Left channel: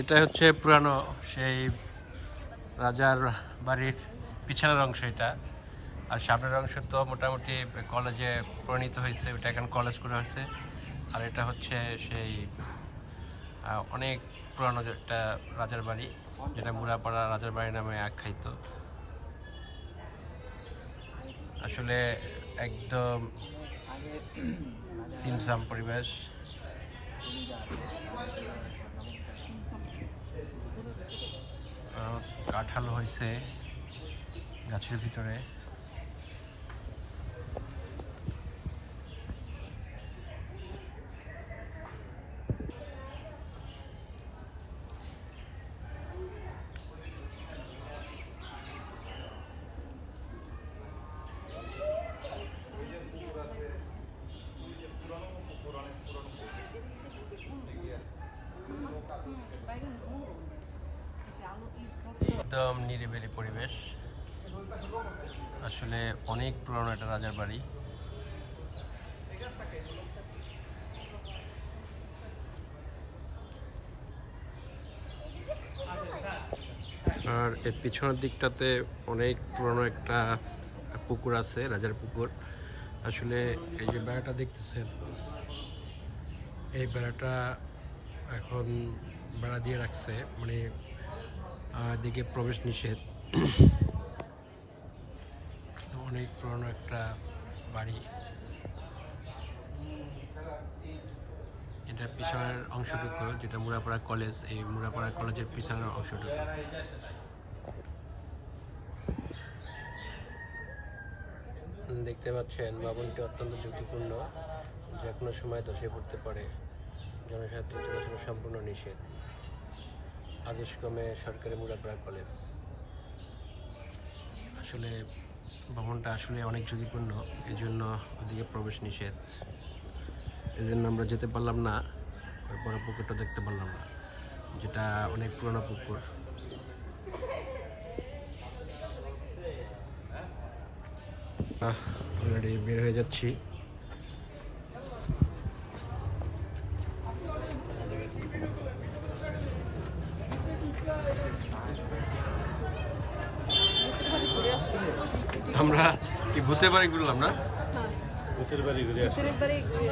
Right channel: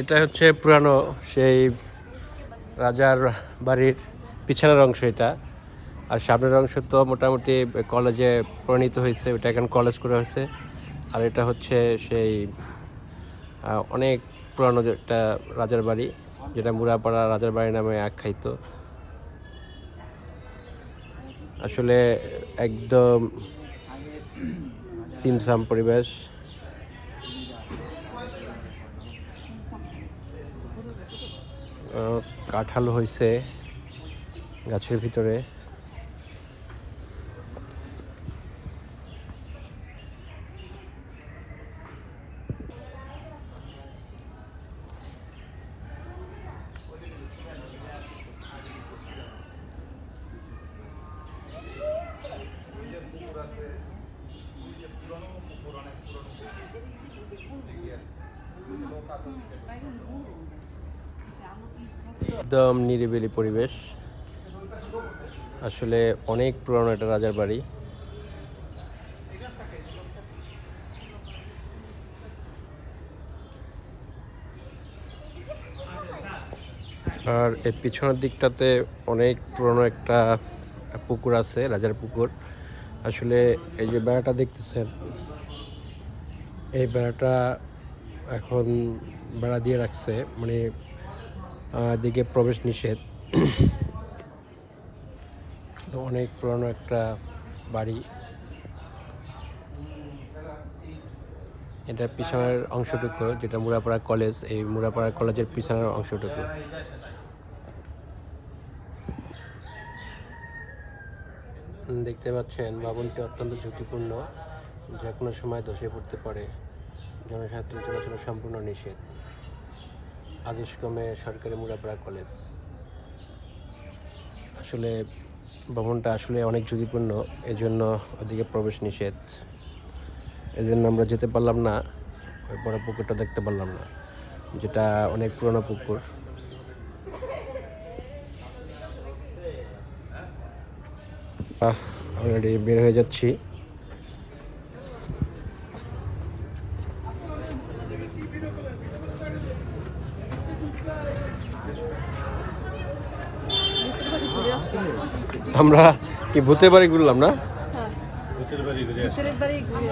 এটা হচ্ছে পুরানো সেই রাজার বাড়ির পিছনের অংশ এটা। আর সামনের অংশ তো মোটামুটি কলেজে পরিণত হয়েছে, ওটা এখন কলেজ করে হয়েছে। আর এটা হচ্ছে সেই অনেক পুরানো একটা রাজার বাড়ি, যেটা মুরাপাড়া রাজার বাড়ি নামে আখ্যায়িত। আসলে একদম সিমসাম পরিবেশ। কাঁঠাল হয়েছে গাছের ভিতরে। একদম নিরিবিলি পরিবেশ। আসলে অনেক পুরনো একটা রাজার বাড়ি। আর এর পিছনের দিকটাতে অনেক পুরনো একটা পুকুর আছে, রাজার পুকুর। আসলে এই যে বেড়াটা দেখতেছেন, এই বেড়াটা এখন বেড়া দিয়ে রাখছে মানে দিকে প্রবেশ নিষেধ। অনেক পুরনো একটা বাড়ি। এটার পিছনের অংশটুকু, যেটা মুরাপাড়া কলেজ, এই মুরাপাড়া কলেজের পিছনের অংশটুকু। দেখতে পাচ্ছেন ভবনটি অত্যন্ত ঝুঁকিপূর্ণ, যে কোনো সময় ধসে পড়তে পারে। জনসাধারণ চলাচল সম্পূর্ণ নিষেধ। আদেশক্রমে সরকারি মুরাপাড়া কলেজ। আসলে ভবনটা আসলে অনেক ঝুঁকিপূর্ণ এই জন্য ওদিকে প্রবেশ নিষেধ। এই জন্য আমরা যেতে পারলাম না, ওই বড় পুকুরটা দেখতে পারলাম না, যেটা অনেক পুরনো পুকুর। অলরেডি বের হয়ে যাচ্ছি। আমরা কি ভূতের বাড়ি ঘুরলাম না? ভূতের বাড়ি ঘুরে ভূতের বাড়ি ঘুরে